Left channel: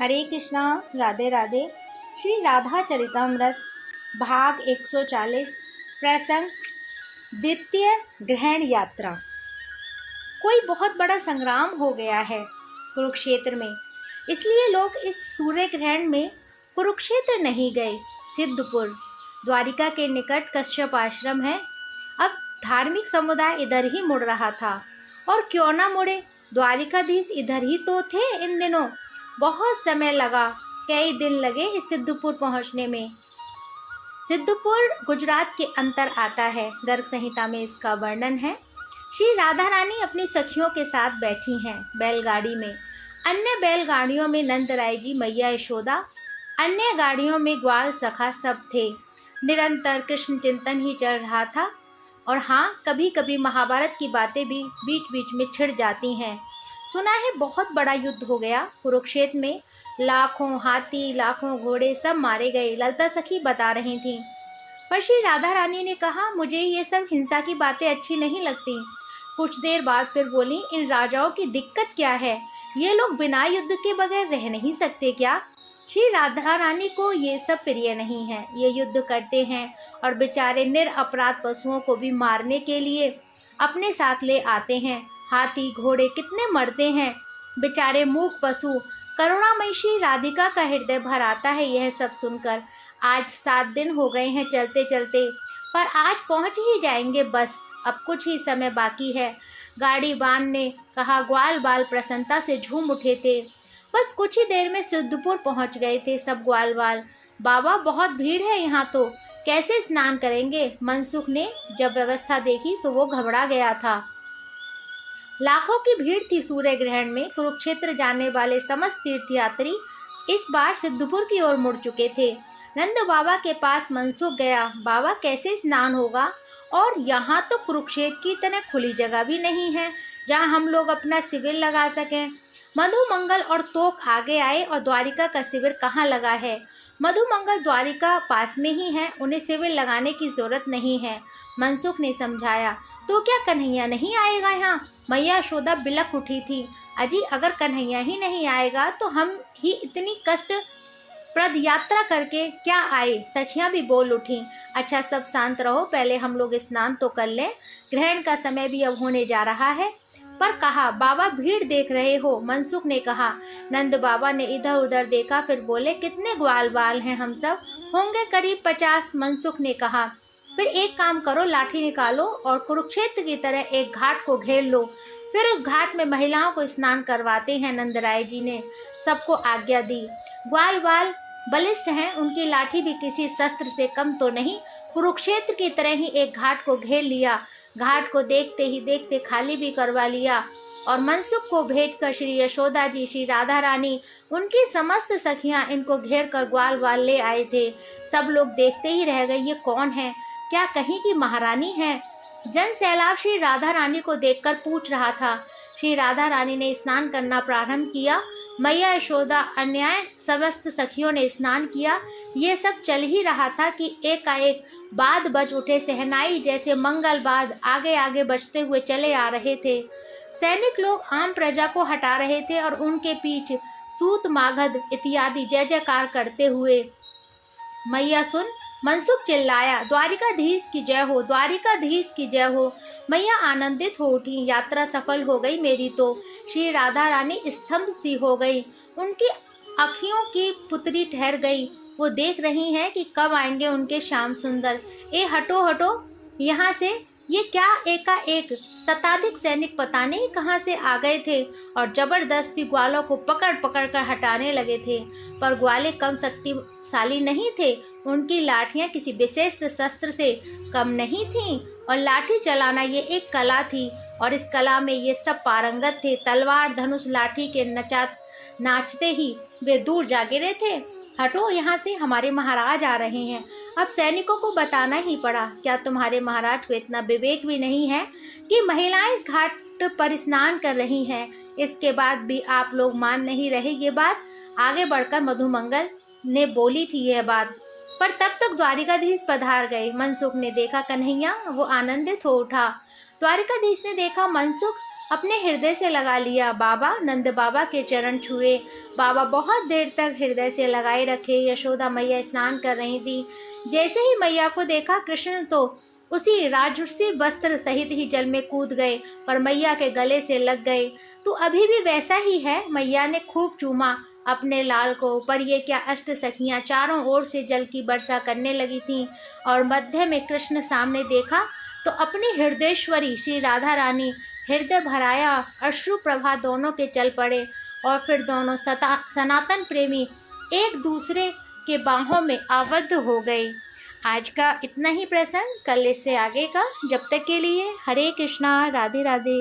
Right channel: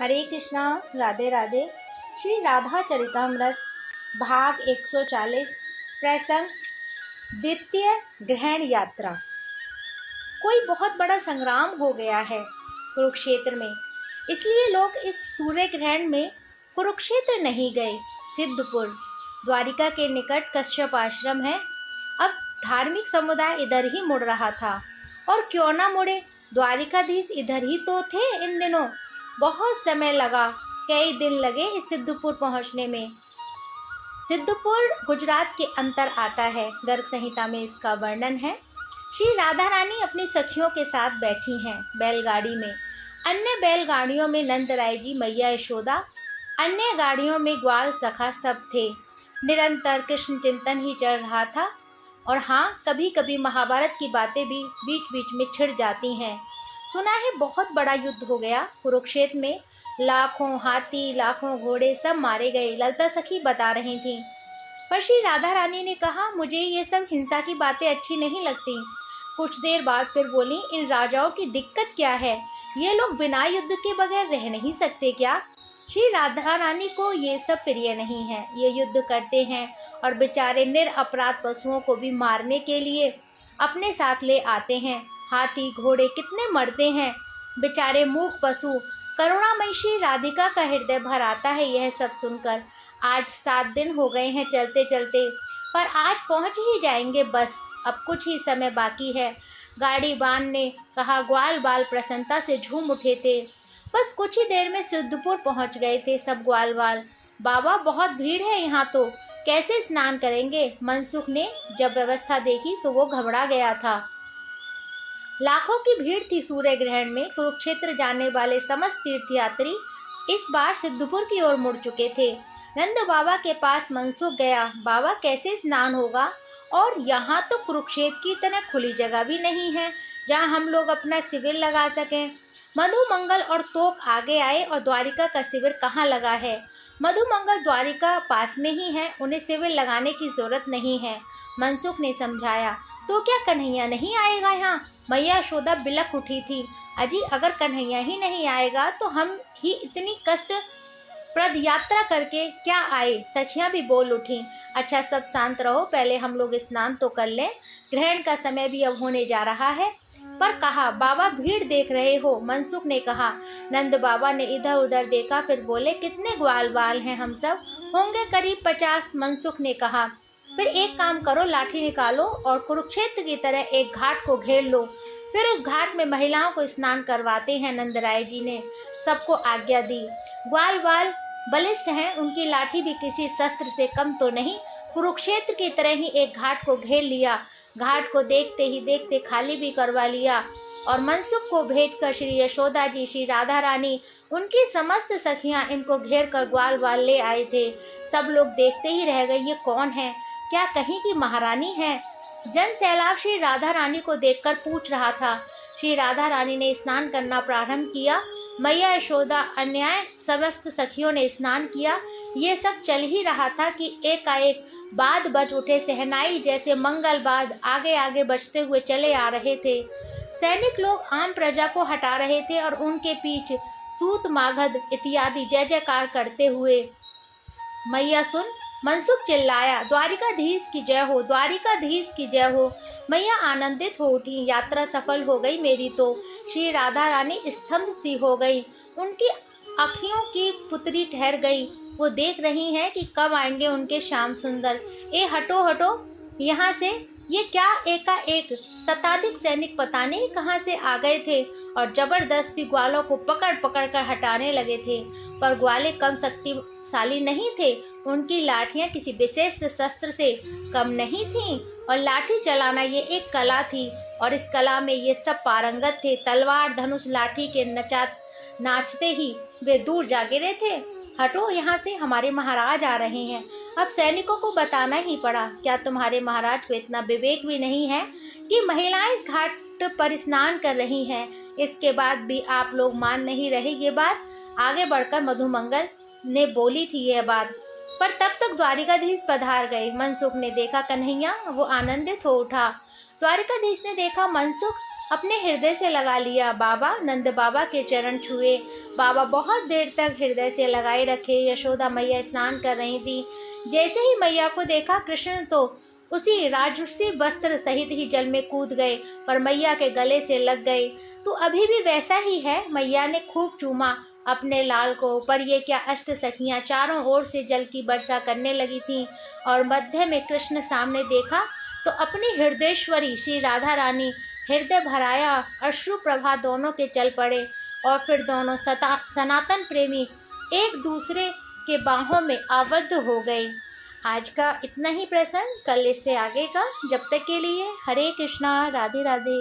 हरे कृष्णा। राधे राधे। श्री राधा चरितमृत भाग 140 प्रसंग द्वितीय ग्रहण यात्रा। कोई बहुत बड़ा संग्राम हो गया है कुरुक्षेत्र में, इसलिए लोग इस सूर्य ग्रहण में कुरुक्षेत्र नहीं गए। सिद्धपुर द्वारिका के निकट कश्यप आश्रम है। अब धार्मिक समुदाय इधर ही मुड़ रहा था, और क्यों ना मुड़े, द्वारिकाधीश इधर ही तो थे इन दिनों। बहुत समय लगा, कई दिन लगे इस सिद्धपुर पहुंचने में। सिद्धपुर गुजरात के अंतर आता है। गर्ग संहिता में इसका वर्णन है। श्री राधा रानी अपनी सखियों के साथ बैठी हैं बैलगाड़ी में। अन्य बैलगाड़ियों में नंदराय जी, मैया यशोदा, अन्य गाड़ियों में ग्वाल सखा सब थे। निरंतर कृष्ण चिंतन ही चल रहा था। और हाँ, कभी कभी महाभारत की बातें भी बीच बीच में छिड़ जाती हैं। सुना है बहुत बड़ा युद्ध हो गया कुरुक्षेत्र में। लाखों हाथी, लाखों घोड़े सब मारे गए, ललिता सखी बता रही थी। पर श्री राधा रानी ने कहा, मुझे ये सब हिंसा की बातें अच्छी नहीं लगती। कुछ देर बाद फिर बोली, इन राजाओं की दिक्कत क्या है? ये लोग बिना युद्ध के बगैर रह नहीं सकते क्या? श्री राधा रानी को ये सब प्रिय नहीं है। ये युद्ध करते हैं और बेचारे निरपराध पशुओं को भी मारने के लिए अपने साथ ले आते हैं। हाथी घोड़े कितने मरते हैं, बेचारे मूक पशु। करुणामयी श्री राधिका का हृदय भर आता है यह सब सुनकर। आज 7 दिन हो गए हैं चलते चलते, पर आज पहुंच ही जाएंगे बस। अब कुछ ही समय बाकी है। गाड़ी बान ने कहा। ग्वाल बाल प्रसन्नता से झूम उठे थे। बस कुछ ही देर में सिद्धपुर पहुंच गए थे सब ग्वाल बाल। बाबा, बहुत भीड़ है यहाँ तो, कैसे स्नान करेंगे? मनसुख ने जब व्यवस्था देखी तो वो घबरा गया था। लाखों की भीड़ थी सूर्य ग्रहण में। कुरुक्षेत्र जाने वाले समस्त तीर्थयात्री इस बार सिद्धपुर की ओर मुड़ चुके थे। नंद बाबा के पास मनसुख गया। बाबा, कैसे स्नान होगा? और यहाँ तो कुरुक्षेत्र की तरह खुली जगह भी नहीं है जहाँ हम लोग अपना शिविर लगा सकें। मधुमंगल और तोप आगे आए, और द्वारिका का शिविर कहाँ लगा है? मधुमंगल द्वारिका पास में ही है, उन्हें शिविर लगाने की जरूरत नहीं है। मनसुख ने समझाया। तो क्या कन्हैया नहीं आएगा यहाँ? मैया यशोदा बिलख उठी थी। अजी, अगर कन्हैया ही नहीं आएगा तो हम ही इतनी कष्ट प्रद यात्रा करके क्या आए? सखियां भी बोल उठी। अच्छा, सब शांत रहो, पहले हम लोग स्नान तो कर लें। ग्रहण का समय भी अब होने जा रहा है। पर कहा, बाबा भीड़ देख रहे हो? मनसुख ने कहा। नंद बाबा ने इधर उधर देखा, फिर बोले, कितने ग्वाल बाल हैं हम सब? होंगे करीब 50। मनसुख ने कहा। फिर एक काम करो, लाठी निकालो और कुरुक्षेत्र की तरह एक घाट को घेर लो। फिर उस घाट में महिलाओं को स्नान करवाते हैं। नंदराय जी ने सबको आज्ञा दी। ग्वाल बाल बलिष्ठ हैं, उनकी लाठी भी किसी शस्त्र से कम तो नहीं। कुरुक्षेत्र की तरह ही एक घाट को घेर लिया। घाट को देखते ही देखते खाली भी करवा लिया, और मनसुख को भेजकर श्री यशोदा जी, श्री राधा रानी, उनकी समस्त सखियां इनको घेर कर ग्वाल बाल ले आए थे। सब लोग देखते ही रह गए, ये कौन है? क्या कहीं की महारानी है? जन सैलाब श्री राधा रानी को देखकर पूछ रहा था। श्री राधा रानी ने स्नान करना प्रारंभ किया। मैया यशोदा, अन्याय समस्त सखियों ने स्नान किया। ये सब चल ही रहा था कि एकाएक बाद बज उठे। सहनाई जैसे मंगल बाद आगे आगे बजते हुए चले आ रहे थे। सैनिक लोग आम प्रजा को हटा रहे थे और उनके पीछे सूत मागध इत्यादि जय जयकार करते हुए। मैया सुन, मनसुख चिल्लाया, द्वारिकाधीश की जय हो, द्वारिकाधीश की जय हो। मैया आनंदित हो उठी। यात्रा सफल हो गई मेरी तो। श्री राधा रानी स्तंभ सी हो गई। उनकी आँखियों की पुतरी ठहर गई। वो देख रही हैं कि कब आएंगे उनके श्याम सुंदर। ए हटो हटो यहाँ से। ये क्या एकाएक शताधिक सैनिक पता नहीं कहाँ से आ गए थे और जबरदस्ती ग्वालों को पकड़ पकड़ कर हटाने लगे थे। पर ग्वाले कम शक्तिशाली नहीं थे। उनकी लाठियां किसी विशेष शस्त्र से कम नहीं थीं, और लाठी चलाना ये एक कला थी, और इस कला में ये सब पारंगत थे। तलवार धनुष लाठी के नाचते ही वे दूर जा गिरे थे। हटो यहाँ से, हमारे महाराज आ रहे हैं। अब सैनिकों को बताना ही पड़ा। क्या तुम्हारे महाराज को इतना विवेक भी नहीं है कि महिलाएं इस घाट पर स्नान कर रही हैं? इसके बाद भी आप लोग मान नहीं रहे ये बात? आगे बढ़कर मधुमंगल ने बोली थी यह बात, पर तब तक द्वारिकाधीश पधार गए। मनसुख ने देखा कन्हैया, वो आनंदित हो उठा। द्वारिकाधीश ने देखा मनसुख अपने हृदय से लगा लिया। बाबा नंद बाबा के चरण छुए। बाबा बहुत देर तक हृदय से लगाए रखे। यशोदा मैया स्नान कर रही थी। जैसे ही मैया को देखा कृष्ण तो उसी राजसी वस्त्र सहित ही जल में कूद गए और मैया के गले से लग गए। तो अभी भी वैसा ही है। मैया ने खूब चूमा अपने लाल को। पर ये क्या, अष्ट सखियां चारों ओर से जल की वर्षा करने लगी थीं और मध्य में कृष्ण सामने देखा तो अपनी हृदयेश्वरी श्री राधा रानी हृदय भराया अश्रु प्रभा दोनों के चल पड़े और फिर दोनों सनातन प्रेमी एक दूसरे के बाहों में आबद्ध हो गए। आज का इतना ही प्रसंग, कल इससे आगे का। जब तक के लिए हरे कृष्णा, राधे राधे।